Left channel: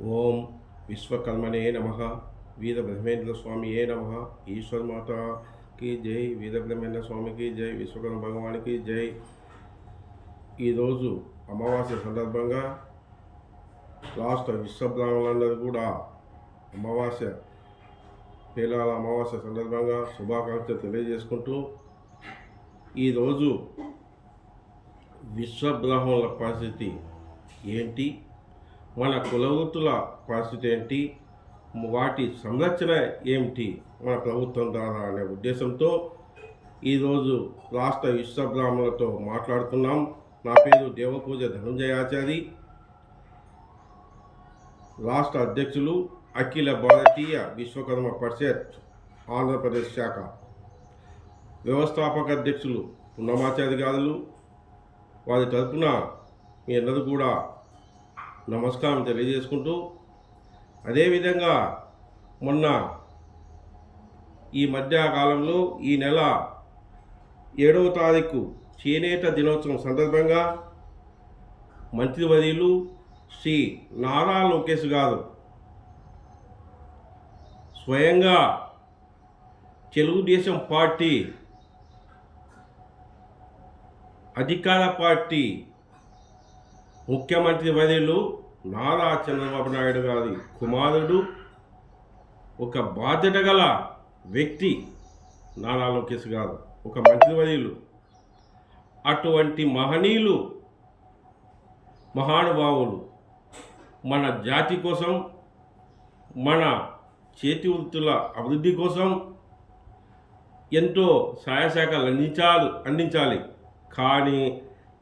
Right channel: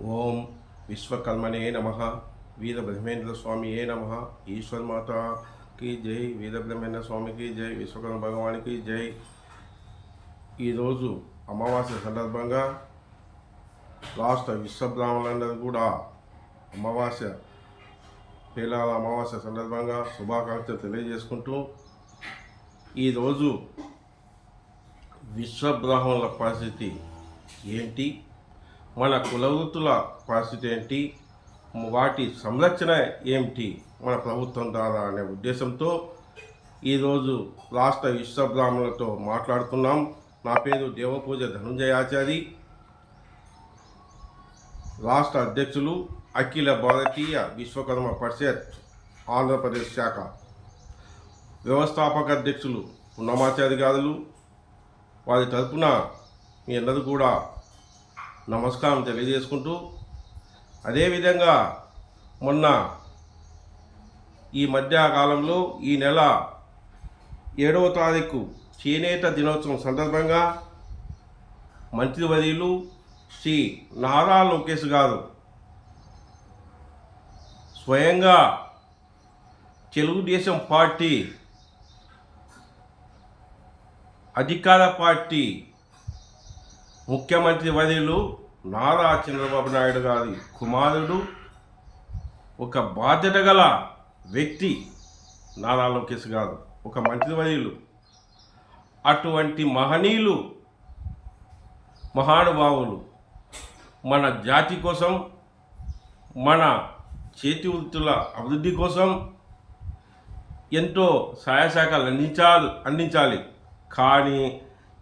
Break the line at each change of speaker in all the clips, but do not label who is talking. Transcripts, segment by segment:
ఓం విశ్వకర్మణే నమ. వీరబ్రహ్మేంద్ర స్వామియే నమ. ఈశ్వర్ మాతకి జై. వీరబ్రహ్మేంద్ర స్వామికి జై. విశ్వకర్మ భగవానికి జై. ఈరోజు అమావాస్య సందర్భంగా రాష్ట్ర విశ్వబ్రాహ్మణులందరూ కూడా అమావాస్య పేలాల అమావాస్య సందర్భంగా శుభాకాంక్షలు తెలియజేసుకుంటూ ఈరోజు విశ్వబ్రాహ్మణుల పరిస్థితి ఏంటి? మన కులవృత్తుల పరిస్థితి ఏంటి? వాటి సంరక్షణ ఏమిటి? మన ప్రభుత్వం ద్వారా అనే ఉద్దేశంతో ఈరోజు రాష్ట్ర విశ్వబ్రాహ్మణులతో మాట్లాడుతున్నాం. నా పేరు దేవపూజ ధనుంజయాచారి. రాష్ట్ర అధ్యక్షులు అఖిల భారతీయ విశ్వకర్మ పరిషత్ ఆంధ్రప్రదేశ్ శాఖ వ్యవస్థాపక అధ్యక్షులు పున్నమాచారి గారులు. వారి తరపున మీ అందరూ కూడా నమస్కారం తెలియజేసుకుంటూ అదేవిధంగా మొన్న ఈ మధ్య కాలంలో ఈ నెల ఏడవ తారీఖు చేనేత దినోత్సవం సందర్భంగా మంత్రివర్యులు శ్రీ నారా లోకేష్ గారు స్వయంగా తెలుగుదేశం పార్టీ అధికార పార్టీ ముఖ్యమంత్రి వర్యులు నారా చంద్రబాబు నాయుడు గారి కుమారుడు ఒక బాధ్యత గల వ్యక్తి నారా లోకేష్ గారు ఒక మంత్రి మంత్రివర్యులు అటువంటి మహనీయులు మహానుభావులు మన జాతి కోసం మన చేతి వృత్తుల అభివృద్ధి కోసం ఎంతో సహాయ శాఖలు అందించాలి అందించాలి. కానీ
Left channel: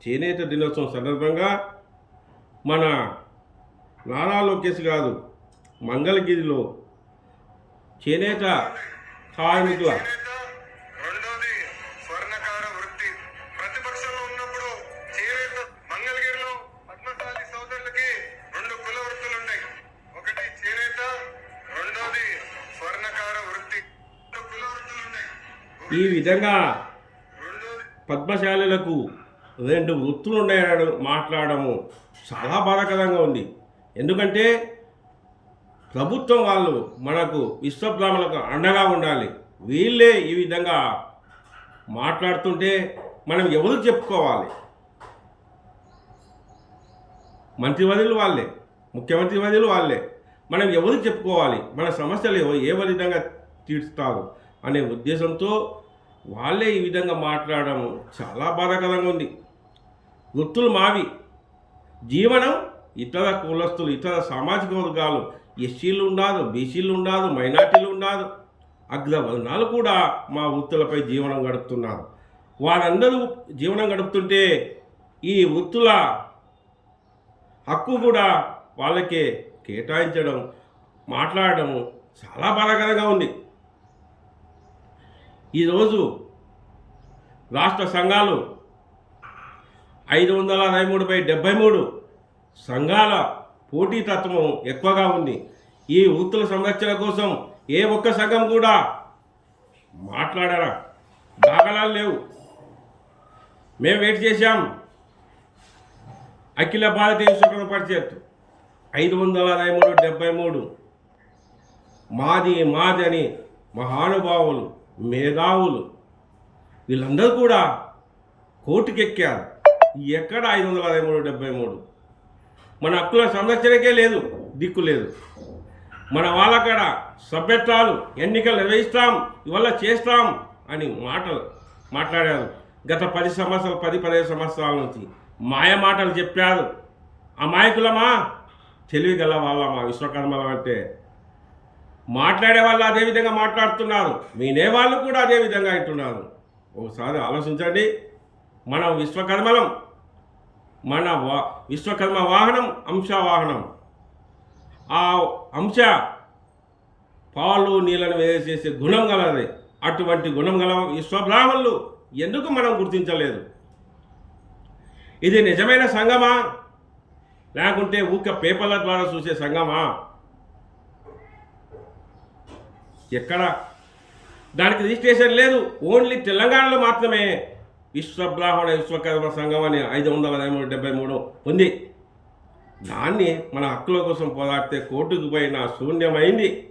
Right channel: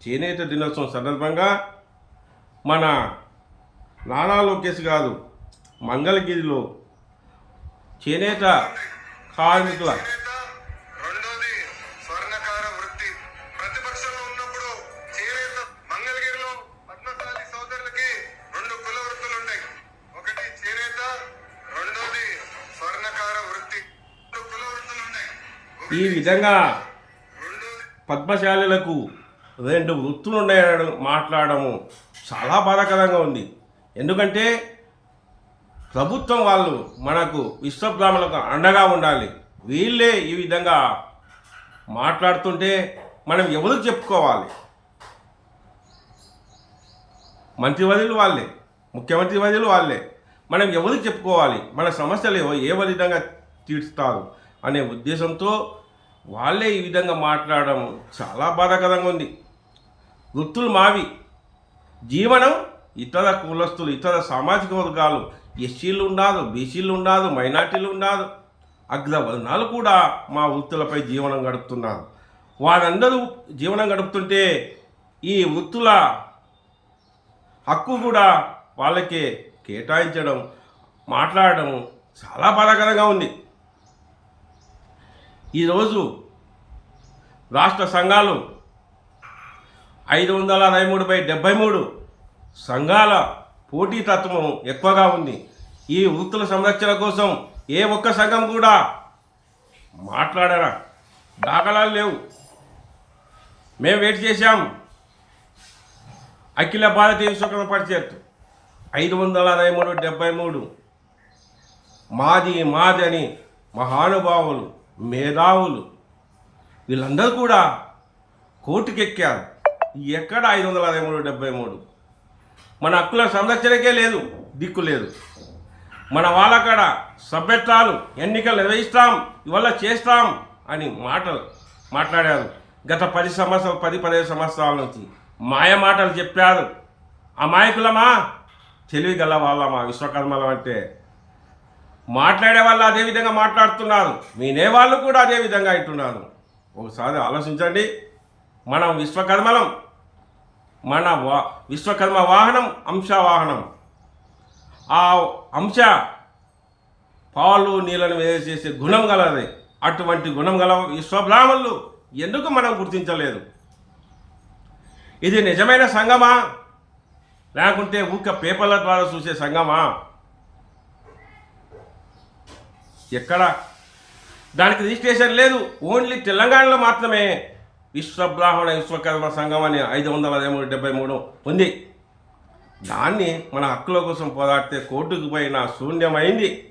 చేనేత దినోత్సవం సందర్భంగా మన నారా లోకేష్ గారు మంగళగిరిలో చేనేత కార్మికుల
చేనేత రెండోది స్వర్ణకార వృత్తి. ప్రతిపక్షంలో ఉన్నప్పుడు చేనేత మంగళగిరిలో పద్మశాలి సోదరులకి రెండు కుల వృత్తులు ఉన్నాయి ఒకటి చేనేత రెండోది స్వర్ణకార వృత్తి. రెండు కుల వృత్తులు ఉన్నాయి
ఈ విధంగా పద్మశాలులకు రెండు వృత్తులు ఉన్నాయనడం మాట్లాడము. చాలా బాధాకరంగా ఉంది. ఎందుకంటే ప్రభుత్వం వాళ్ళు మనకు విశ్వబ్రాహ్మణులకు అండగా ఉండాలి. వీళ్ళే ఈ విధంగా మాట్లాడుతుంటే మనం ఎవరికి చెప్పుకోవాలి? మంత్రివర్యులు వాళ్ళే ముఖ్యమంత్రి వర్యులు వాళ్ళే. మనం ఎవరికి చెప్పుకోవాలి? మన సమస్యలు ఏ- ఏ విధంగా తీర్చుతారు అనే ఉద్దేశంతో వాళ్ళే ఈ విధంగా మాట్లాడడం చాలా బాధాకరంగా ఉంది. వృత్తులు మావి. జీవనం ఇతర కులస్తులు ఇతర సామాజిక వర్గాలు ఎస్సీలు ఉండాదు బీసీలు ఉండాదు మైనార్టీలు ఉండాదు. అగ్రవర్ణాలు కూడా మా వృత్తులపై జీవనం గడుపుతున్నారు. వారందరూ జీవనం గడుపుతుంటే ఈ వృత్తుల హక్కు కూడా వాళ్ళకే కేటాయించడం మాట్లాడడం చాలా బాధాకరంగా ఉంది. ఈరోజు రాష్ట్ర సంఘాలు ఐదు వందల అరవై మూడు బై డెబ్బై మూడు సంఘాల పోటీతత్వం ఎక్కువగా ఉంది. ఈ వృత్తుల సంరక్షణ కోసం ఏ ఒక్క సంఘం కూడా మాట్లాడరా? దాఖలాలు లేవు. మేము వెయిట్ చేశాం. అఖిల భారతీయ విశ్వకర్మ పరిషత్ ఐదు వందల అరవై మూడు డెబ్బై మూడు. మాది మాది అని మహానుభావులు మేధావులు వీళ్ళందరూ కూడా కోర్టుకెక్కారు. ఎక్కడ ఐదు వందల అరవై మూడు డెబ్బై మూడు? మన హక్కుల సంరక్షణకే లేదు దిక్కు లేదు. మన వాళ్ళకాడ సభ్యత్వాలు ఎన్నికలు నిర్వహిస్తాం ఇవల్ల చేస్తాం అని మాటలు మాట్లాడారు. గత పది సంవత్సరాలు పది పదిహేను సంవత్సరాల నుంచి మాయ మాటలు చెప్పారు. అమాయకులమా? తెలివి గల వాళ్ళమా? విశ్వకర్మలం అంటే మాట్లాడే వాళ్ళు అదే విధంగా మాట్లాడుతున్నారు. వినే వాళ్ళు కూడా అదే విధంగా ఒకసారి ఆలోచించండి. మనం విశ్వకర్మలం. మన వా విశ్వకర్మ వాహనం అంశ వాహనం. ఆ అంశ పాలు నీళ్ళను వేసేసే గుణం గలది. అటువంటి గుణం గల విశ్వబ్రాహ్మణులు ఎందుకు మనం గుర్తించలేదు? ఇది నిజమైన సంఘమా లేకుంటే ఊక పేపర్ల ద్వారా చూసే సంఘమా ఎక్కడ? దానికి రిజిస్ట్రేషన్ లేదు. ఓన్లీ తెలంగాణలో మాత్రమే. విశ్వబ్రాహ్మణ విశ్వకర్మ సంఘం అని ఐదు వందల మూడు డెబ్బై మూడు ఉంది. దాన్ని మన హక్కుల కోసం పోరాడితే కోర్టుకు పోయిన శూన్యమైంది.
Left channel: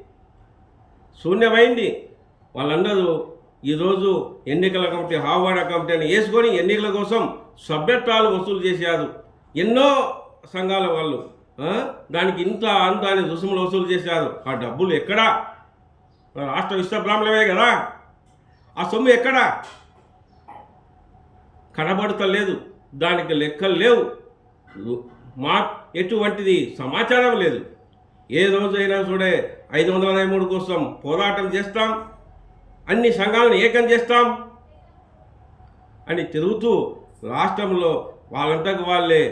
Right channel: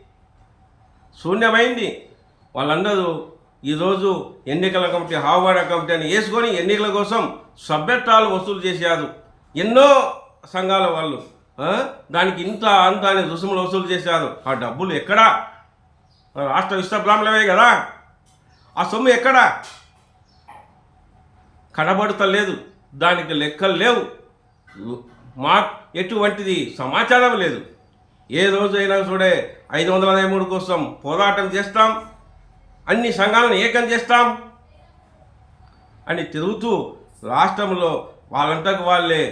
శూన్యమైంది. వాళ్ళందరూ ఈరోజు ఎన్నికల కమిటీ హావాడ కమిటీ అని వేసుకొని ఎన్నికల కోసం సభ్యత్వాలు వసూలు చేశారు. ఎన్నో సంఘాల వాళ్ళు దానికి ఇంత అంత అని రుసుములు వసూలు చేశారు. ఆ డబ్బులు ఎక్కడా? రాష్ట్ర విశ్వబ్రాహ్మణమే కదా. ఆ సొమ్ము ఎక్కడా? కనబడతలేదు దానికి లెక్కలు లేవు. మా ఎటువంటిది సమాచారం లేదు. ఏ రోజైనా చూడే ఐదు వందల అరవై మూడు కోసం పోరాటం చేస్తాం అన్ని సంఘాలను ఏకం చేస్తాం అని తిరుగుతూ రాష్ట్రంలో వాళ్ళంతకు వాళ్ళే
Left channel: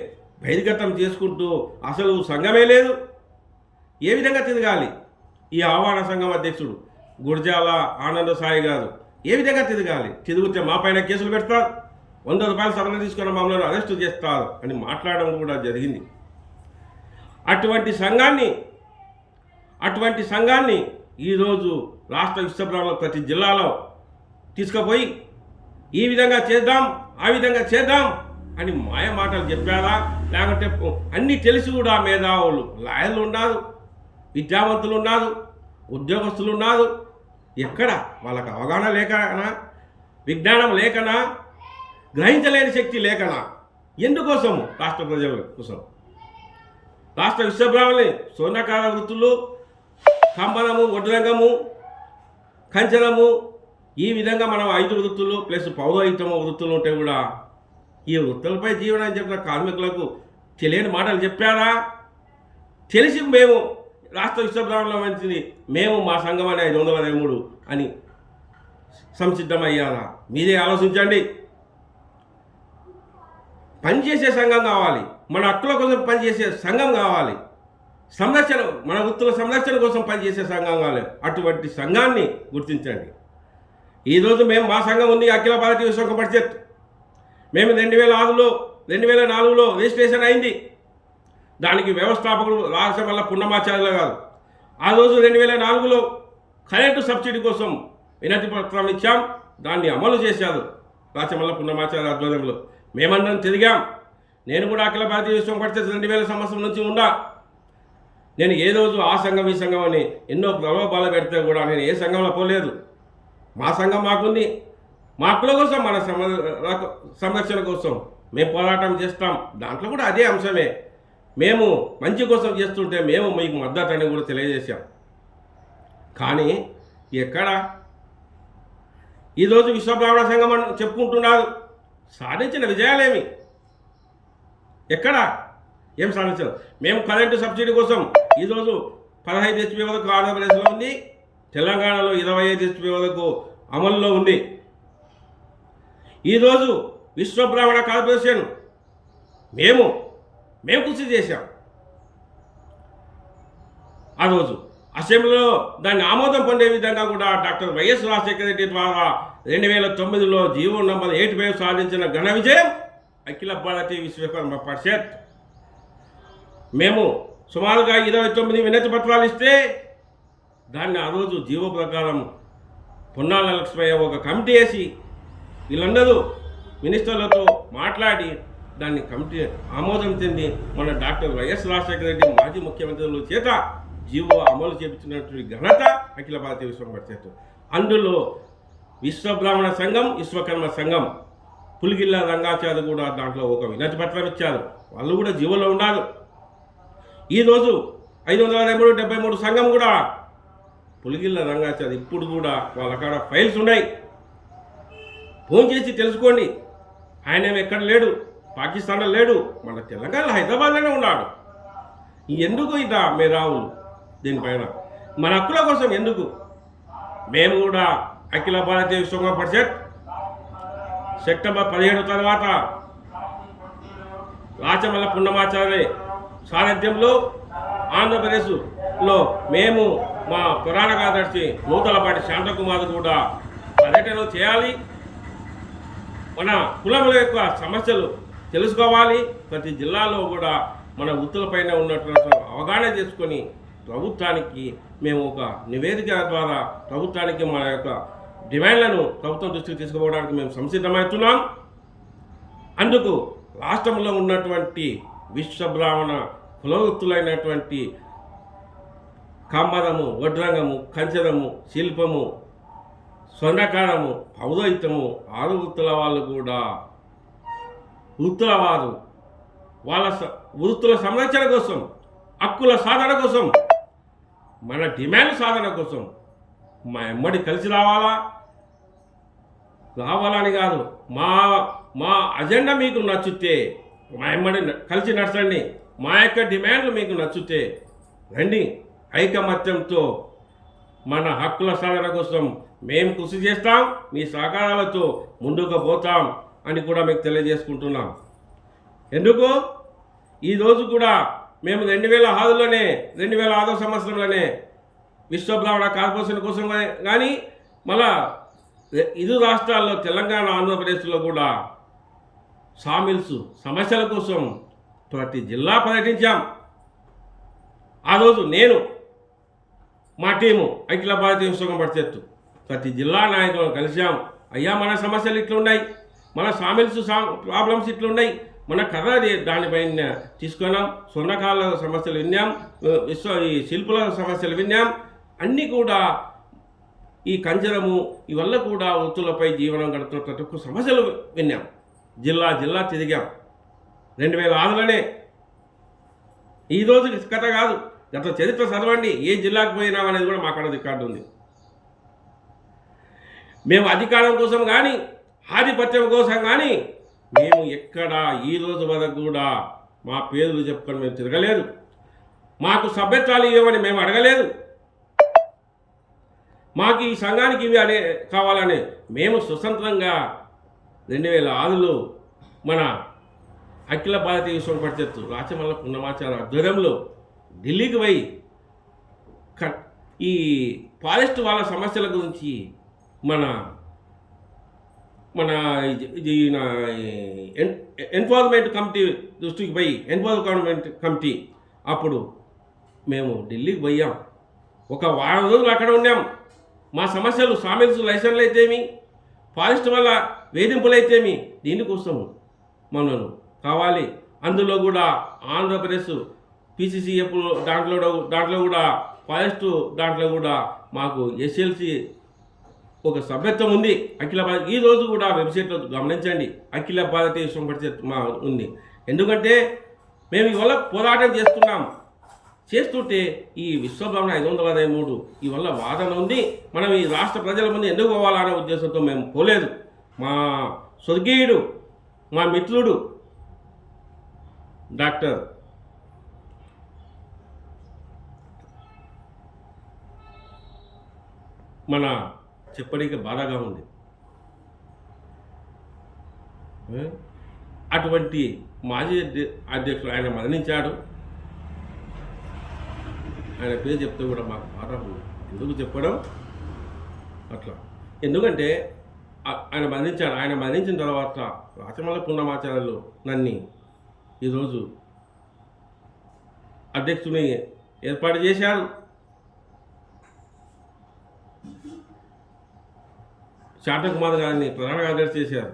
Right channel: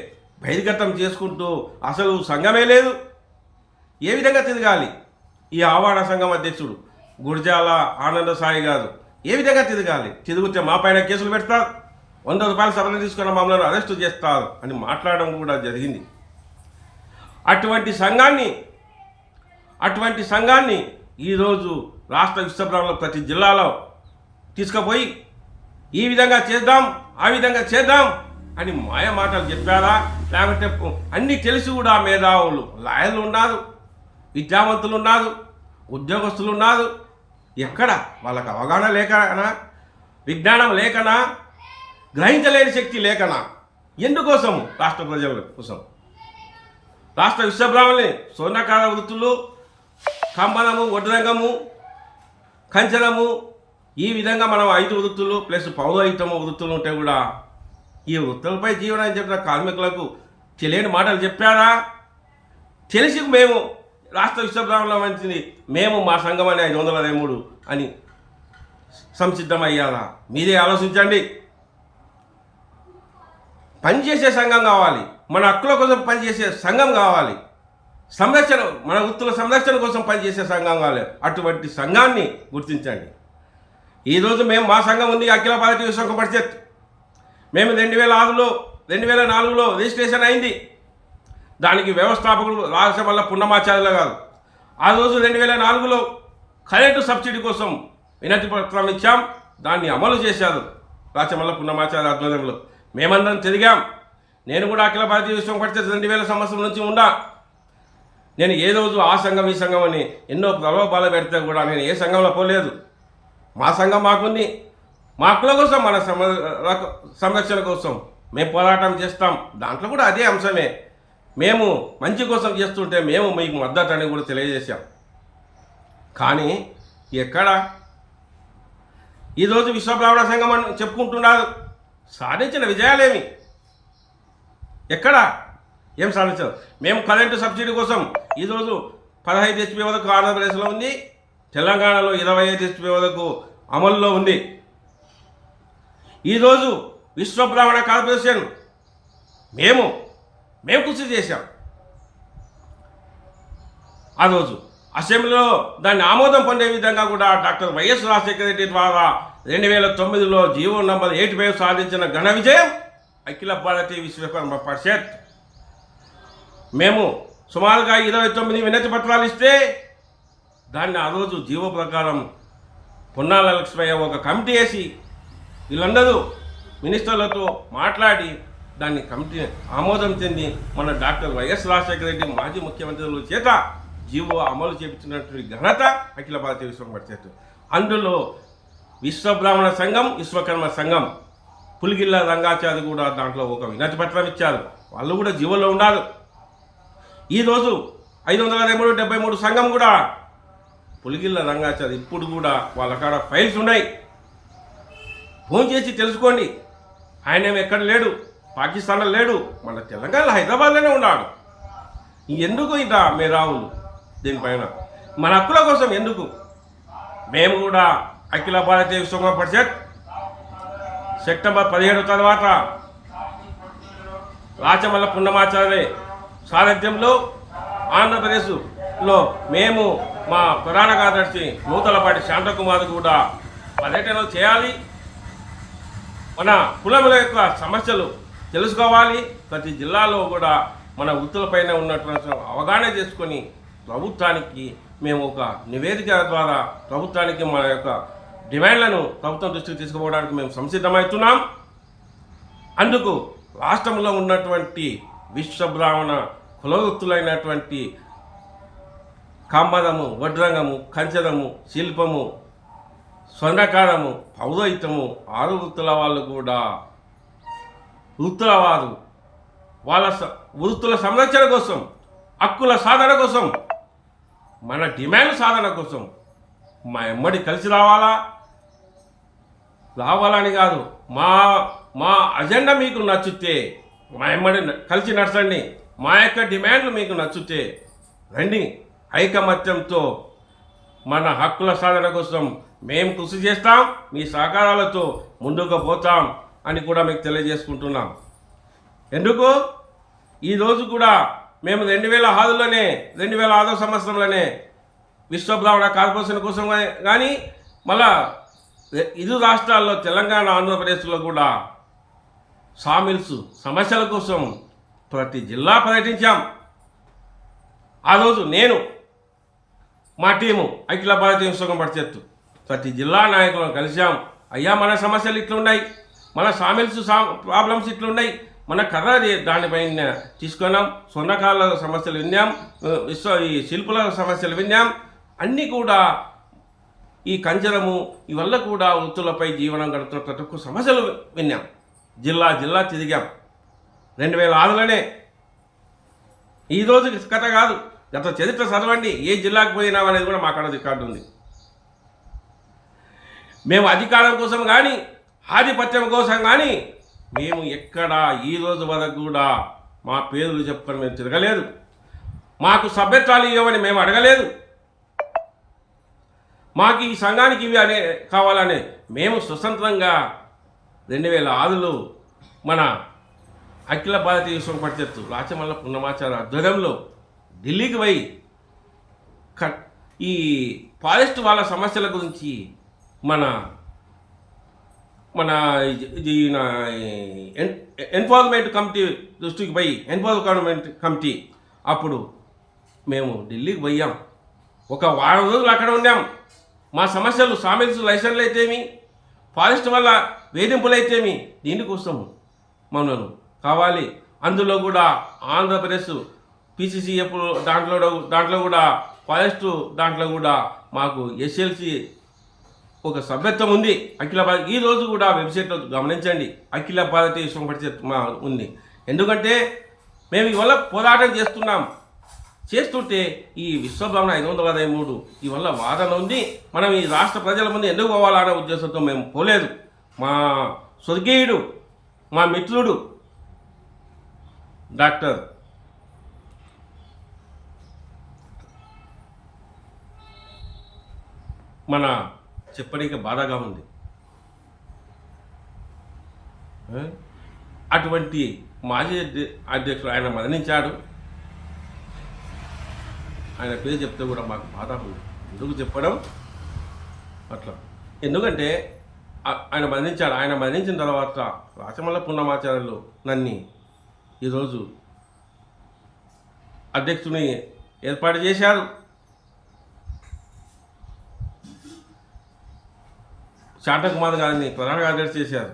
బహిర్గతం చేసుకుంటూ అసలు సంఘమే లేదు. ఏ విధంగా తిరగాలి? ఈ ఆవాడ సంఘం అధ్యక్షుడు గుర్జాల ఆనంద సాయి గారు ఏ విధంగా తిరగాలి? తిరిగితే మా పైన కేసులు పెడతారు. వంద రూపాయలు సభలు తీసుకున్న మమ్మల్ని అరెస్టు చేస్తారు అని మాట్లాడడం కూడా జరిగింది. అటువంటి సంఘాన్ని అటువంటి సంఘాన్ని ఈరోజు రాష్ట్ర విశ్వబ్రాహ్మణులు ప్రతి జిల్లాలో తీసుకుపోయి ఈ విధంగా చేద్దాం ఆ విధంగా చేద్దాం అని మాయ మాటలు చెప్పారా? లేకుంటే అన్నీ తెలిసి కూడా మేధావులు లాయర్లు ఉన్నారు విద్యావంతులు ఉన్నారు ఉద్యోగస్తులు ఉన్నారు. ఎక్కడ వాళ్ళకి అవగాహన లేకనా? విజ్ఞానం లేకనా? గ్రహించలేని శక్తి లేకనా ఎందుకోసము? రాష్ట్ర ప్రజల కోసం. రాష్ట్ర విశ్వబ్రాహ్మణి స్వర్ణకార వృత్తులు కంబనము వడ్రంగము కంచనము ఈ విధంగా మనం ఐదు వృత్తులు ప్లస్ పౌరోహితము వృత్తులు ఉంటే కూడా ఈ వృత్తులపై జీవనం చెప్పిన కార్మికులకు తెలియని మాటలు చెప్పారా? తెలిసి మేము రాష్ట్ర విశ్వబ్రాహ్మణుల మంచిది మేము మా సంఘం అని ఐదు వందల అరవై మూడు అని సంసిద్ధమయ్యారా? మీరే ఆలోచించండి. పనిచేసే సంఘం కావాలి. మన హక్కుల కోసం పనిచేసే సంఘం కావాలి. సంరక్షణ మన వృత్తుల సంరక్షణ కోసం పనిచేసే సంఘం కావాలి. అటువంటి సంఘాన్ని గుర్తించండి. ఈరోజు మేము మా సంఘం ఉంది అఖిల భారతీయ సంఘ పరిషత్. మేము రెండు వేల ఆరులో రెండు వేల నాలుగులో రిజిస్ట్రేషన్ అయింది. దానికి వ్యవస్థాపకుడు రాజమల్ల పున్నమాచార్యుల కాదు ఆ రోజు రెండు వేల నాలుగులో కరెంటు సబ్సిడీ కోసం వినతి పత్రం ఇచ్చాం. దాన్ని అమలు చేశారు రాచమల్ల పున్నమాచార్య ఆధ్వర్యంలో. మేమందరం తిరిగాం. నేను కూడా అఖిల భారతీయ విశ్వం పరిషత్ రెండు వేల సంవత్సరం నుంచి ఉండా నేను ఏ రోజు ఆ సంఘం ఈ సంఘం అని ఎన్నో ప్రలోభాలు పెడితే కూడా నేను ఏ సంఘంలో పోలేదు. మా సంఘం మాకుంది. మా హక్కుల కోసం మన సంరక్షణ కోసం మేము పోరాటం చేస్తాం. దాంట్లో కూడా అదే అంశమే. మేము మంచి కోసం చేస్తుంటే మేము మీకు మద్దతు అని కూడా తెలియజేశాం. కానీ ఎక్కడ? ఈరోజు విశ్వబ్రాహ్మణ సంఘం అని చెప్పుకుంటున్నారు. సాధించిన విజయాలేమి? ఎక్కడ? ఏం సాధించారు మేము కరెంటు సబ్సిడీ కోసం ఈరోజు పదహైదు హెచ్పి వరకు ఆంధ్రప్రదేశ్లో ఉంది తెలంగాణలో ఇరవై ఐదు హెచ్పి వరకు అమల్లో ఉంది. ఈరోజు విశ్వ బ్రాహ్మణ కార్పొరేషన్ మేము మేము కృషి చేశాం. ఆ రోజు అసెంబ్లీలో దాన్ని ఆమోదం పొందే విధంగా కూడా డాక్టర్ వైఎస్ రాజశేఖర రెడ్డి ద్వారా రెండు వేల తొమ్మిదిలో జీవో నంబర్ ఎయిట్ ఫైవ్ సాధించిన ఘన విజయం అఖిల భారతీయ విశ్వకర్మ పరిషత్. మేము సుమారుగా ఇరవై తొమ్మిది వినతి పత్రాలు ఇస్తే దాన్ని ఆ రోజు జీవో ప్రకారం పొన్నాల లక్ష్మయ్య ఒక కమిటీ వేసి వీళ్ళందరూ మినిస్టర్లతో మాట్లాడి దాన్ని కమిటీ ఆమోదం చెంది మన డాక్టర్ వైఎస్ రాజశేఖర రెడ్డి మాజీ ముఖ్యమంత్రుల చేత జీవో అమలు చేపించినటువంటి ఘనత అఖిల భారతీయ విశ్వ పరిషత్. అందులో విశ్వబ్రాహ్మణ సంఘం విశ్వకర్మ సంఘం. పులిగిల్ల రంగాచారి కూడా దాంట్లో ఒక వినతి పత్రం ఇచ్చారు. వాళ్ళు కూడా జీవోలో ఉన్నారు ఈరోజు ఐదు వందల అరవై మూడు డెబ్బై మూడు సంఘం కూడా పులిగిల్ల రంగాచారి ఇప్పుడు కూడా వాళ్ళ కాడ ఫైల్స్ ఉన్నాయి. ఫోన్ చేసి తెలుసుకోండి. ఆయన ఎక్కడ లేడు? పాకిస్తాన్లో లేడు. మన తెలంగాణలో హైదరాబాద్లోనే ఉన్నాడు. ఎందుకు ఇంత మేధావులు దీనిపైన? మన హక్కుల కోసం ఎందుకు? మేము కూడా అఖిల భారతీయ విశ్వ పరిషత్ సెప్టెంబర్ పదిహేడు తర్వాత రాచమల్ల పున్నమాచార్య సారథ్యంలో ఆంధ్రప్రదేశ్లో మేము మా ప్రధాన కార్యదర్శి నూతలపాటి శాంతకుమార్ కూడా పర్యటనలు చేయాలి. మన కులముల యొక్క సమస్యలు తెలుసుకోవాలి. ప్రతి జిల్లాలో కూడా మన వృత్తులపైన ఉన్నటువంటి అవగాహన చేసుకొని ప్రభుత్వానికి మేము ఒక నివేదిక ద్వారా ప్రభుత్వానికి మన యొక్క డిమాండ్లను ప్రభుత్వం దృష్టికి తీసుకుపోవడానికి మేము సంసిద్ధమవుతున్నాం. అందుకు రాష్ట్రంలో ఉన్నటువంటి విశ్వ బ్రాహ్మణ కులవృత్తులైనటువంటి కమ్మదము వడ్రంగము కంచదము శిల్పము స్వర్ణకారము పౌరోహితము ఆరు వృత్తుల వాళ్ళు కూడా వృత్తుల వారు వాళ్ళ స- వృత్తుల సంరక్షణ కోసం హక్కుల సాధన కోసం మన డిమాండ్ సాధన కోసం మా ఎమ్మడి కలిసి రావాలా? రావాలని కాదు. మా మా అజెండా మీకు నచ్చితే మా ఎమ్మడి కలిసి నడచండి. మా యొక్క డిమాండ్లు మీకు నచ్చితే రండి. ఐకమత్యంతో మన హక్కుల సాధన కోసం మేము కృషి చేస్తాం మీ సహకారాలతో ముందుకు పోతాం అని కూడా మీకు తెలియజేసుకుంటున్నాం. ఎందుకు? ఈరోజు కూడా మేము రెండు వేల ఆరులోనే రెండు వేల ఆరో సంవత్సరంలోనే విశ్వబ్రాహ్మణ కార్పొరేషన్ కోసం కానీ మళ్ళా ఇరు రాష్ట్రాల్లో తెలంగాణ ఆంధ్రప్రదేశ్లో కూడా సామిల్స్ సమస్యల కోసం ప్రతి జిల్లా పర్యటించాం. ఆ రోజు నేను మా టీము అఖిల భారతీయ విశ్వకం పరిషత్తు ప్రతి జిల్లా నాయకులను కలిశాం. అయ్యా మన సమస్యలు ఇట్లున్నాయి మన సామిల్స్ సా ప్రాబ్లమ్స్ ఇట్లున్నాయి మన కథ దానిపైన తీసుకున్నాం. స్వర్ణకాల సమస్యలు విన్నాం విశ్వ ఈ శిల్పుల సమస్యలు విన్నాం. అన్నీ కూడా ఈ కంజరము ఇవల్ల కూడా వృత్తులపై జీవనం గడుపుతున్న ప్రతి ఒక్క సమస్యలు విన్నాం. జిల్లా జిల్లా తిరిగాం. రెండు వేల ఆరులోనే. ఈ కథ కాదు గత చరిత్ర చదవండి ఏ జిల్లాకు పోయినాం అనేది కూడా మా కాడ రికార్డు ఉంది. మేము అధికారం కోసం కానీ ఆధిపత్యం కోసం కానీ మేము ఎక్కడ ఈ రోజు వరకు కూడా మా పేర్లు చెప్పుకొని మేము తిరగలేదు. మాకు సభ్యత్వాలు ఇవ్వమని మేము అడగలేదు. మాకు ఈ సంఘానికి ఇవి అనే కావాలని మేము స్వతంత్రంగా రెండు వేల ఆరులో మన అఖిల భారతీయ విశ్వం పరిషత్తు రాచమల్ల పున్నమాచార ఆధ్వర్యంలో ఢిల్లీకి పోయి క- ఈ ఫారెస్ట్ వాళ్ళ సమస్యల గురించి మన మన ఇది- ఇది నా ఎన్- ఎన్ఫోర్స్మెంట్ కమిటీ దృష్టికి పోయి ఎన్ఫోర్స్మెంట్ కమిటీ అప్పుడు మేము ఢిల్లీకి పోయాం. ఒక వారం రోజులు అక్కడ ఉన్నాం మా సమస్యలు సామిల్స్ లైసెన్లు అయితేమి ఫారెస్ట్ వల్ల వేధింపులు అయితేమి దీనికోసం మనను కావాలి అందులో కూడా ఆంధ్రప్రదేశ్ పిసిసిఎఫ్ దాంట్లో దాంట్లో కూడా ఫారెస్ట్ దాంట్లో కూడా మాకు ఎస్ఎల్సి ఒక సభ్యత్వం ఉంది. అఖిల భారత ఈ రోజు కూడా వెబ్సైట్లో గమనించండి. అఖిల భారతీయ విశ్వం పరిషత్ మా ఉంది. ఎందుకంటే మేము ఇవల్ల పోరాటం చేస్తున్నాం. చేస్తుంటే ఈ విశ్వబ్రహ్మణ ఐదు వందల అరవై మూడు ఈ వల్ల వాదన ఉంది. మనం ఈ రాష్ట్ర ప్రజల ముందు ఎందుకు పోవాలనే ఉద్దేశంతో మేము పోలేదు. మా స్వర్గీయుడు మా మిత్రుడు డాక్టర్ మన చెప్పడానికి బాధగా ఉంది. అటువంటి మాజీ అధ్య- అధ్యక్షుడు ఆయన మరణించాడు. ఆయన పేరు చెప్తే కూడా మాకు బాధ ఉంది ఎందుకు చెప్పడం? అట్లా. ఎందుకంటే ఆయన మరణించాడు. ఆయన మరణించిన తర్వాత రాచమల్ల పున్నమాచార్యులు నన్ని ఈరోజు అధ్యక్షుని ఏర్పాటు చేశారు. శాంతకుమార్ గారిని ప్రధాన కార్యదర్శి చేశారు.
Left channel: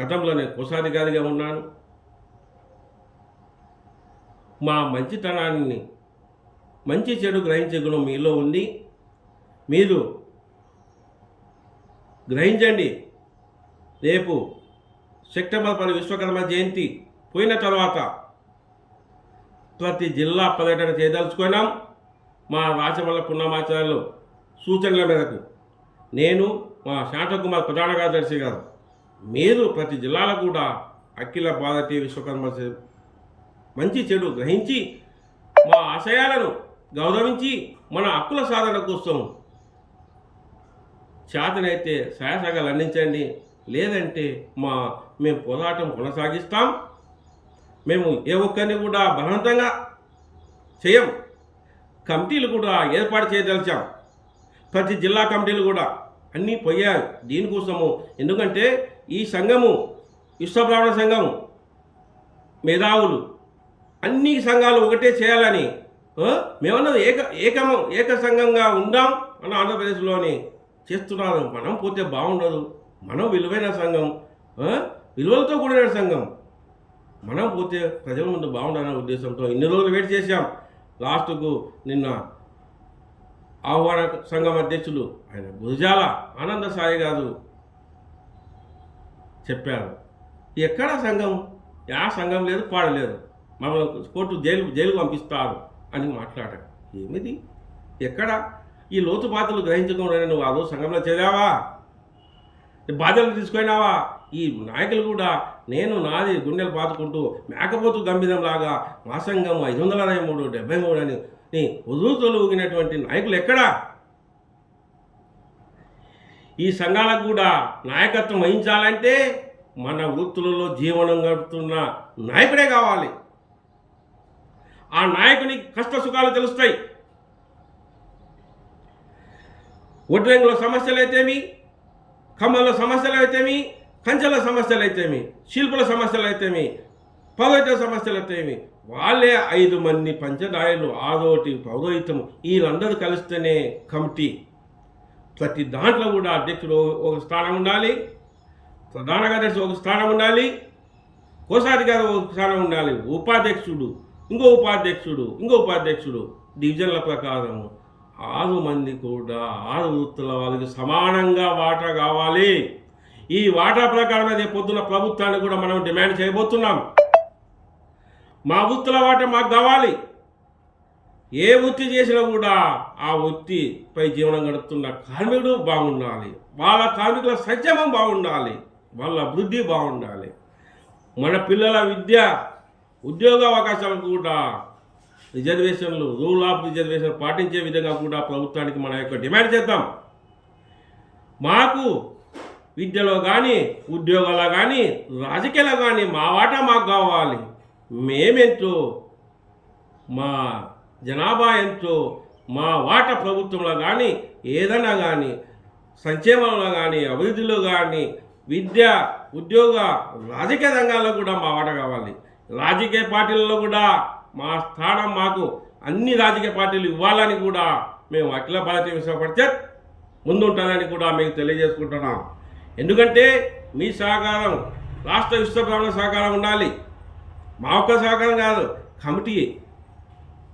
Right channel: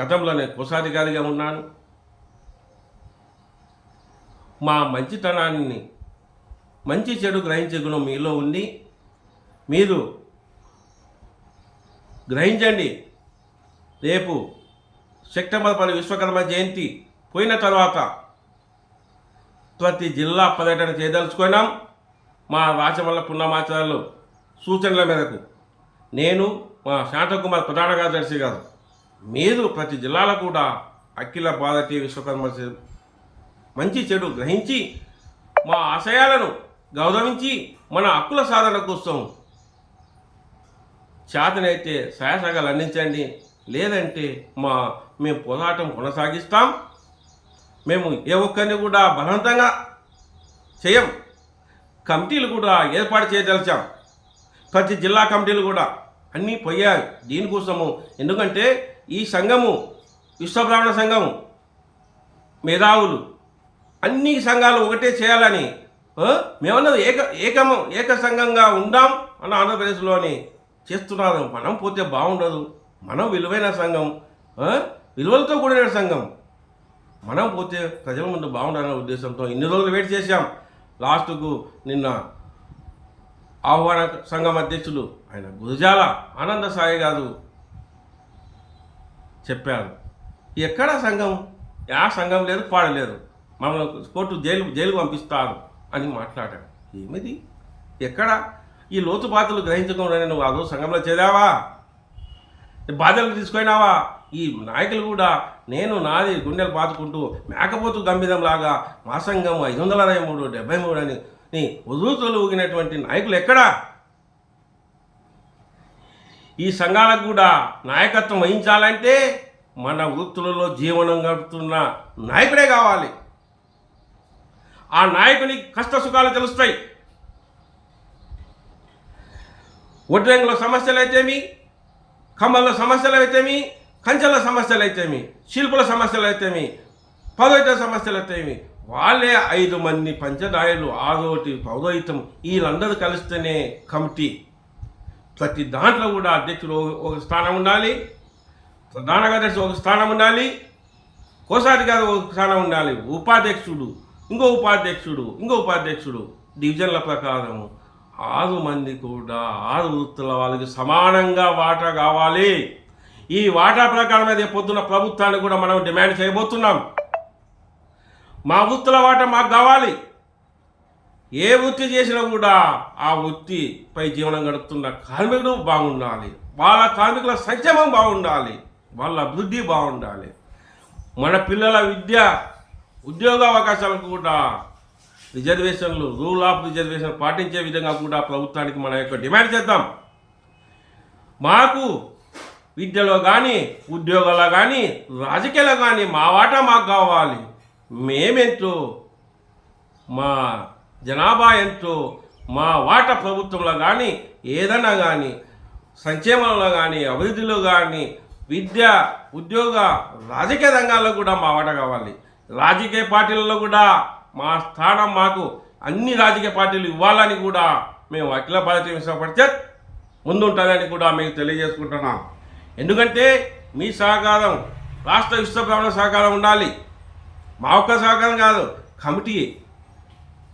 గతంలో నేను కోశాధికారిగా ఉన్నాను. మా మంచితనాన్ని మంచి చెడు గ్రహించే గుణం మీలో ఉంది మీరు గ్రహించండి. రేపు సెప్టెంబర్ పది విశ్వకర్మ జయంతి పోయిన తర్వాత ప్రతి జిల్లా పర్యటన చేయదలుచుకున్నాం. మా రాచమల్ల పున్నమాచార్యులు సూచనల మేరకు నేను మా శాంతకుమార్ ప్రధాన కార్యదర్శి గారు. మీరు ప్రతి జిల్లాలో కూడా అఖిల భారతీయ విశ్వకర్మ చే- మంచి చెడు గ్రహించి మా ఆశయాలను గౌరవించి మన హక్కుల సాధన కోసం చేతనైతే సహాయసగాలు అందించండి. లేదంటే మా మేము పోరాటం కొనసాగిస్తాం. మేము ఏ ఒక్కరిని కూడా బలవంతంగా చేయం. కమిటీలు కూడా ఏర్పాటు చేయదలిచాం. ప్రతి జిల్లా కమిటీలు కూడా అన్నీ పోయాయి. దీనికోసము ఎందుకంటే ఈ సంఘము విశ్వబ్రాహ్మణ సంఘము మేధావులు అన్ని సంఘాలు ఒకటే చేయాలని మేమన్నది ఏక ఏకమ ఏక సంఘంగా ఉందాం అన్న ఆంధ్రప్రదేశ్లోని చేస్తున్నారు మనం పోతే బాగుండదు. మనం విలువైన సంఘం విలువలతో కూడిన సంఘం. మనం పోతే ప్రజల ముందు బాగుండాలనే ఉద్దేశంతో ఇన్ని రోజులు వెయిట్ చేశాం. లాస్ట్కు నిన్న ఆహ్వాన సంఘం అధ్యక్షులు ఆయన గురజాల ఆనంద సాయి గారు చెప్పారు ఎక్కడ సంఘం? యా సంఘం లేదు పాడలేదు మమ్మల్ని కోర్టు జైలు జైలుకు పంపిస్తారు. అని మాట్లాడాడు. ఏమిది? ఎక్కడ? ఈ లోతుపాతలు గ్రహించకుండా నువ్వు అదో సంఘంలో చేరావా? బాధ్యతలు తీసుకున్నావా ఈ నాయకులు కూడా నేను నాది గుండెలు పాతుకుంటూ మేకపోతు గంభీరంలాగా మా సంఘం ఐదు వందల అరవై మూడు డెబ్బై మూడు అని నీ ఉదురుతులు ఊగినటువంటి నాయకులు ఎక్కడా? ఈ సంఘాలకు కూడా నాయకత్వం వహించాలంటే మన వృత్తులలో జీవనం గడుపుతున్న నాయకుడే కావాలి. ఆ నాయకుని కష్ట సుఖాలు తెలుస్తాయి. ఒడ్రంగుల సమస్యలు అయితేమి కమ్మల సమస్యలు అయితేమి కంచెల సమస్యలు అయితేమి శిల్పుల సమస్యలు అయితేమి పదోయిత సమస్యలు అయితేమి వాళ్ళే ఐదు మంది పంచదాయలు ఆదోటి పౌరోహితం వీళ్ళందరూ కలిస్తేనే కమిటీ. ప్రతి దాంట్లో కూడా అధ్యక్షుడు ఒక- ఒక స్థానం ఉండాలి ప్రధాన కార్యదర్శి ఒక స్థానం ఉండాలి కోశాధికారి ఒక స్థానం ఉండాలి ఉపాధ్యక్షుడు ఇంకో ఉపాధ్యక్షుడు ఇంకో ఉపాధ్యక్షుడు డివిజన్ల ప్రకారం ఆరు మంది కూడా ఆరు వృత్తుల వాళ్ళకి సమానంగా వాటా కావాలి. ఈ వాటా ప్రకారం అదే పొద్దున ప్రభుత్వాన్ని కూడా మనం డిమాండ్ చేయబోతున్నాం. మా వృత్తుల వాటా మాకు కావాలి. ఏ వృత్తి చేసినా కూడా ఆ వృత్తిపై జీవనం గడుపుతున్న కార్మికుడు బాగుండాలి. వాళ్ళ కార్మికుల సంక్షేమం బాగుండాలి. వాళ్ళ అభివృద్ధి బాగుండాలి. మన పిల్లల విద్య ఉద్యోగ అవకాశాలకు కూడా రిజర్వేషన్లు రూల్ ఆఫ్ రిజర్వేషన్ పాటించే విధంగా కూడా ప్రభుత్వానికి మన యొక్క డిమాండ్ చేద్దాం. మాకు విద్యలో కానీ ఉద్యోగాల్లో కానీ రాజకీయాల్లో కానీ మా వాటా మాకు కావాలి. మేమెంతో మా జనాభా ఎంతో మా వాట ప్రభుత్వంలో కానీ ఏదైనా కానీ సంక్షేమంలో కానీ అభివృద్ధిలో కానీ విద్య ఉద్యోగ రాజకీయ రంగాల్లో కూడా మా వాట కావాలి. రాజకీయ పార్టీలలో కూడా మా స్థానం మాకు అన్ని రాజకీయ పార్టీలు ఇవ్వాలని కూడా మేము అఖిల భారతీయ విశ్వ పరిషత్ ముందుంటుందని కూడా మీకు తెలియజేసుకుంటున్నాం. ఎందుకంటే మీ సహకారం రాష్ట్ర విశ్వ బ్రాహ్మణ సహకారం ఉండాలి. మా ఒక్క సహకారం కాదు కమిటీ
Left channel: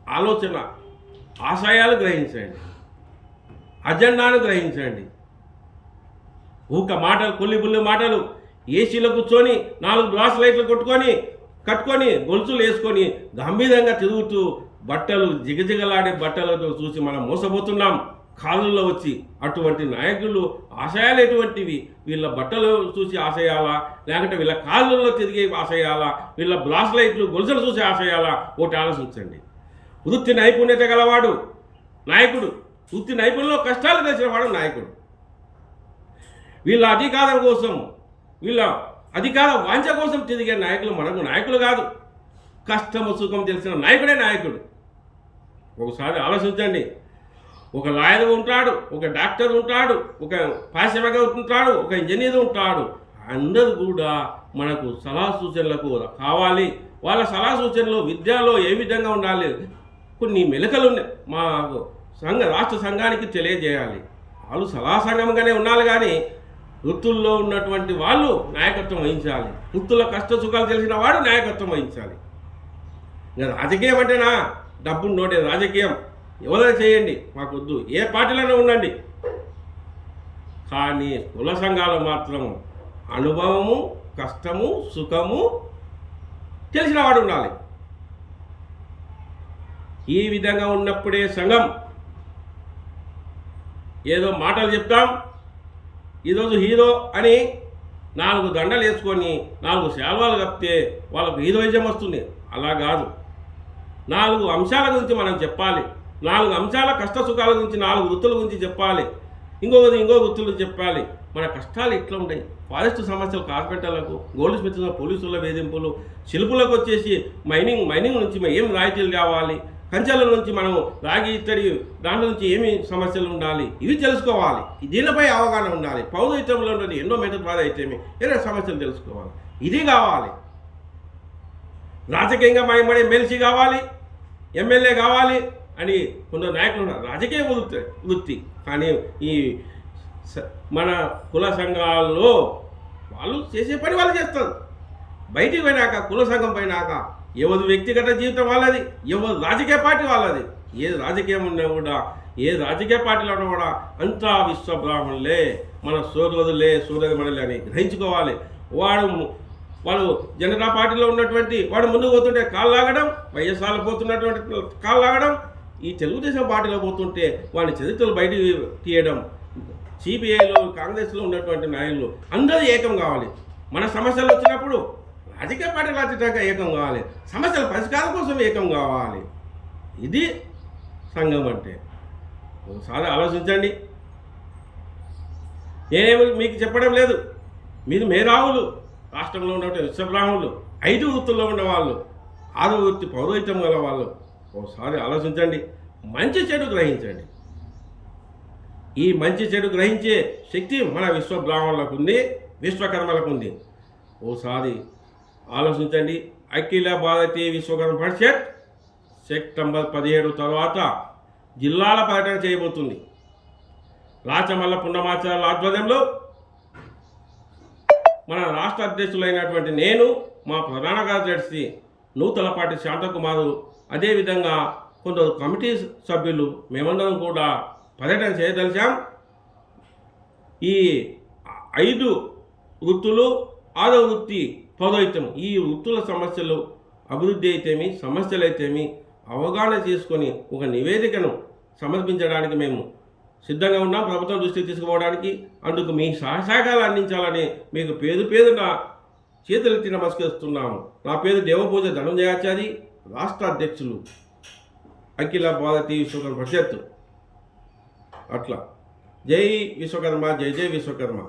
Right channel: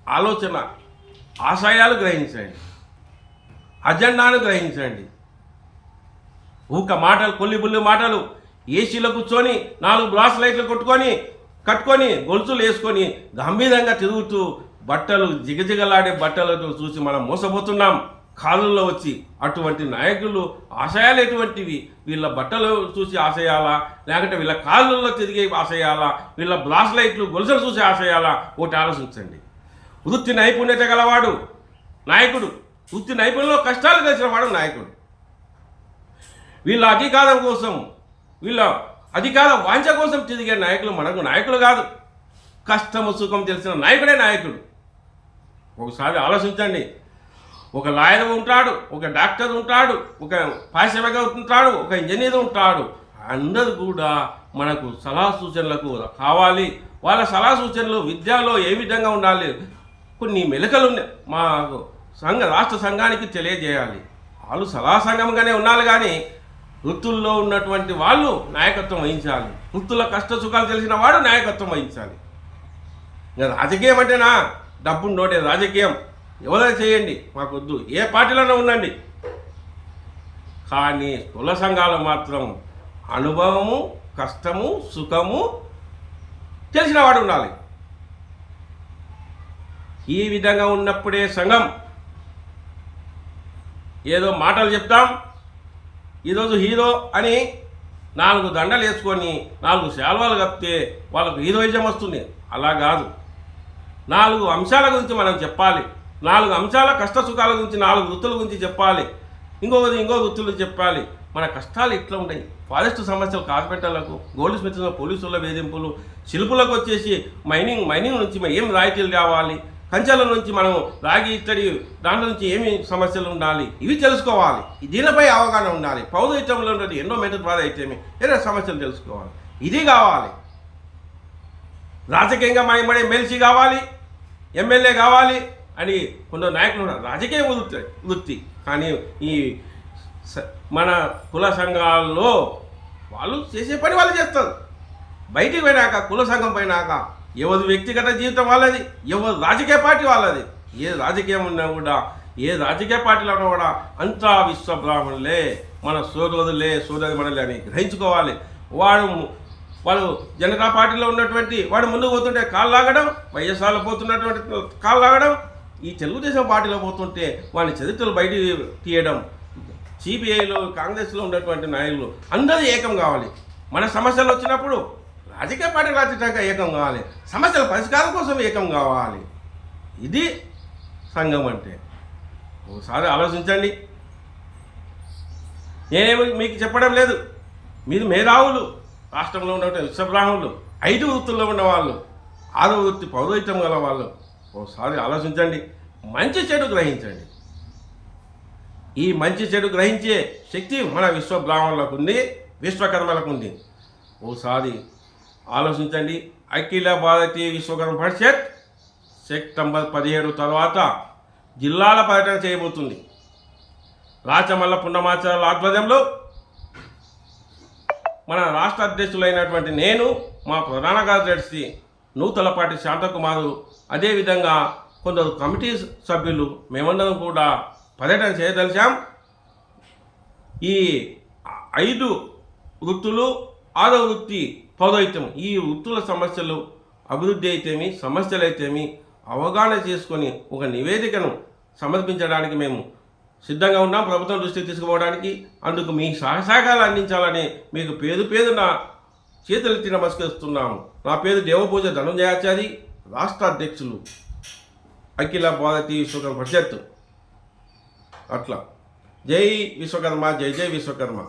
ఆలోచన ఆశయాలు గ్రహించండి. అజెండాను గ్రహించండి. ఊక మాటలు కొల్లి బుల్లి మాటలు ఏసీలో కూర్చొని నాలుగు బ్లాస్ లైట్లు కొట్టుకొని కట్టుకొని గొలుసులు వేసుకొని గంభీరంగా తిరుగుతూ బట్టలు జిగజిగలాడే బట్టలను చూసి మనం మోసపోతున్నాం. కాళ్ళల్లో వచ్చి అటువంటి నాయకులు ఆశయాలు ఎటువంటివి? వీళ్ళ బట్టలు చూసి ఆశయాలా? లేకుంటే వీళ్ళ కాళ్ళల్లో తిరిగే ఆశయాలా? వీళ్ళ బ్లాస్ లైట్లు గొలుసులు చూసి ఆశయాలా? ఒకటి ఆలోచించండి. వృత్తి నైపుణ్యత గలవాడు నాయకుడు. వృత్తి నైపుణ్యంలో కష్టాలు తెలిసిన వాడు నాయకుడు. వీళ్ళ అధికారం కోసం వీళ్ళ అధికార వాంఛ కోసం తిరిగే నాయకులు మనకు నాయకులు కాదు. కష్టము సుఖం తెలిసిన నాయకుడే నాయకుడు. ఒకసారి ఆలోచించండి. ఒక లాయర్ ఉంటాడు ఒక డాక్టర్ ఉంటాడు ఒక పారిశ్రామిక ఉంటాడు ఒక ఇంజనీర్ ఉంటాడు. అందరూ కూడా మనకు సలహా సూచనలకు కావాలి. వాళ్ళ సలహా సూచనలు విద్యలో ఏ విధంగా ఉండాలి? కొన్ని మెలకలు ఉన్నాయి. మాకు సంఘ రాష్ట్ర సంఘానికి తెలియజేయాలి. వాళ్ళు సలహా సంఘంగానే ఉండాలి కానీ వృత్తుల్లో ఉన్నటువంటి వాళ్ళు నాయకత్వం వహించాలి. వృత్తుల కష్ట సుఖాలు తెలిసిన వాడు నాయకత్వం వహించాలి. ఇంకా రాజకీయం అంటేనా? డబ్బు నోటే రాజకీయం. ఎవరైనా చేయండి మాకొద్దు. ఏ పార్టీలోనే ఉండండి. కానీ కుల సంఘాలు మాత్రం అనుభవము కష్టము సుఖము తెలిసిన వాడు ఉండాలి. ఈ విధంగా ఉన్నప్పుడే సంఘం ఏదో మాటలు చెప్తాం ఈరోజు హీరో అని నాలుగు దండలు వేసుకొని నాలుగు శాల్వాలు కప్పితే వాళ్ళకు హీరోయిజం వస్తుంది. అలా కాదు. నాలుగు అంశాల గురించి మనం చెప్పాలి. నాలుగు అంశాల కష్ట సుఖాల గురించి నాలుగు వృత్తుల గురించి చెప్పాలి. ఇంకొకటి ఇంకో వృత్తులు చెప్పాలి. మన కష్టాలు ఇట్లా ఉంటాయి. ఫారెస్ట్ సమస్యలు కార్పెంటర్లకు గోల్డ్ స్మిత్ పోలీసుల వేధింపులు శిల్పులకు వచ్చేసి మైనింగ్ మైనింగ్ నుంచి ఏం రాయితీలు కావాలి కంచెల నుంచి మనం రాగి ఇత్తడి దాంట్లో నుంచి ఏమి సమస్యలు ఉండాలి? ఇవి తెలుసుకోవాలి. దీనిపై అవగాహన ఉండాలి. పౌరహితంలో ఉన్నది ఎన్నో మెథడ్ ద్వారా అయితేమి ఏదో సమస్యలు తెలుసుకోవాలి. ఇది కావాలి. రాజకీయంగా మైమడే ఎమ్మెల్సీ కావాలి ఎమ్మెల్యే కావాలి అని కొందరు నాయకులు ఉన్నారు. రాజకీయ వృత్తి వృత్తి. కానీ ఈ స- మన కుల సంఘాల్లో వాళ్ళు చేసే పని వాళ్ళు చేస్తారు. బయటికి పోయినాక కుల సంఘం పోయినాక ఎవరి వ్యక్తిగత జీవితం వాళ్ళది ఎవరి రాజకీయ పార్టీ వాళ్ళది. ఏ రాజకీయం ఉన్నా కూడా ఏ రాజకీయ పార్టీలో ఉన్నా కూడా అంతా విశ్వబ్రాహ్మణులే మన సోదరులే సోదరి మనలే అని గ్రహించుకోవాలి. వాడు వాడు జనతా పార్టీలో ఉన్నటువంటి వాడు ముందుకు పోతుంటే కాళ్ళు లాగడం వైఎస్ఆర్లో పోతున్నటువంటి కాళ్ళు లాగడం ఈ తెలుగుదేశం పార్టీలో పోతుంటే వాడిని చరిత్రలు బయట తీయడం సిపిఐలో కాంగ్రెస్లో ఉన్నటువంటి నాయకులు అందరూ ఏకం కావాలి. మన సమస్యలు వచ్చినప్పుడు రాజకీయ పార్టీలు అతీతంగా ఏకం కావాలి. సమస్యల పరిష్కారం కోసం ఏకం కావాలి. ఇది సంఘం అంటే. ఒకసారి ఆలోచించండి. నేనేమి మీకు చెప్పడం లేదు. మీరు మేధావులు. రాష్ట్రంలో ఉన్నటువంటి విశ్వబ్రాహ్మణులు. ఐదు వృత్తుల్లో ఉన్నవాళ్ళు. ఆరో వృత్తి పౌరోహితం గల వాళ్ళు ఒకసారి ఆలోచించండి. మంచి చెడు గ్రహించండి. ఈ మంచి చెడు గ్రహించే శక్తి మన విశ్వబ్రాహ్మణులకు ఉంది విశ్వకర్మలకు ఉంది. ఓసారి ఆలోచించండి. అఖిల భారతీయ విశ్వకర్మ పరిషత్ సెప్టెంబర్ పదిహేడు తర్వాత జిల్లాల పర్యటన చేయబోతుంది. రాచమల్ల పుండమాచారాల ఆధ్వర్యంలో మన రాష్ట్ర అధ్యక్షులైనటువంటి నేను మా ప్రధాన కార్యదర్శి నూతలపాటి శాంతకుమారు అదేవిధంగా కొందరు కమిటీ సభ్యులు మేమందరం కూడా పర్యటన చేయదలిచాం. ఈ ఐదు వృత్తులు ఆరో వృత్తి పౌరోహిత్యం ఈ వృత్తుల సమస్యలు అభివృద్ధి అయితేమి సమస్యలు అయితేమి అవగాహన చేసుకొని ఒక నివేదికను సమర్పించడానికి మేము సిద్ధంగా ఉన్నాం. ప్రభుత్వం దృష్టికి తీసుకుపోవడానికి అందుకు మీ సహసహకారాలు అందించాలని మీకు పేరు పేరున చేతులెత్తి నమస్కరిస్తున్నాము. నా పేరు దేవపూజ ధనుంజయాచారి రాష్ట్ర అధ్యక్షులు అఖిల భారతీయ విశ్వకర్మ పరిషత్. అట్లా. జై విశ్వకర్మ జై జై విశ్వకర్మ.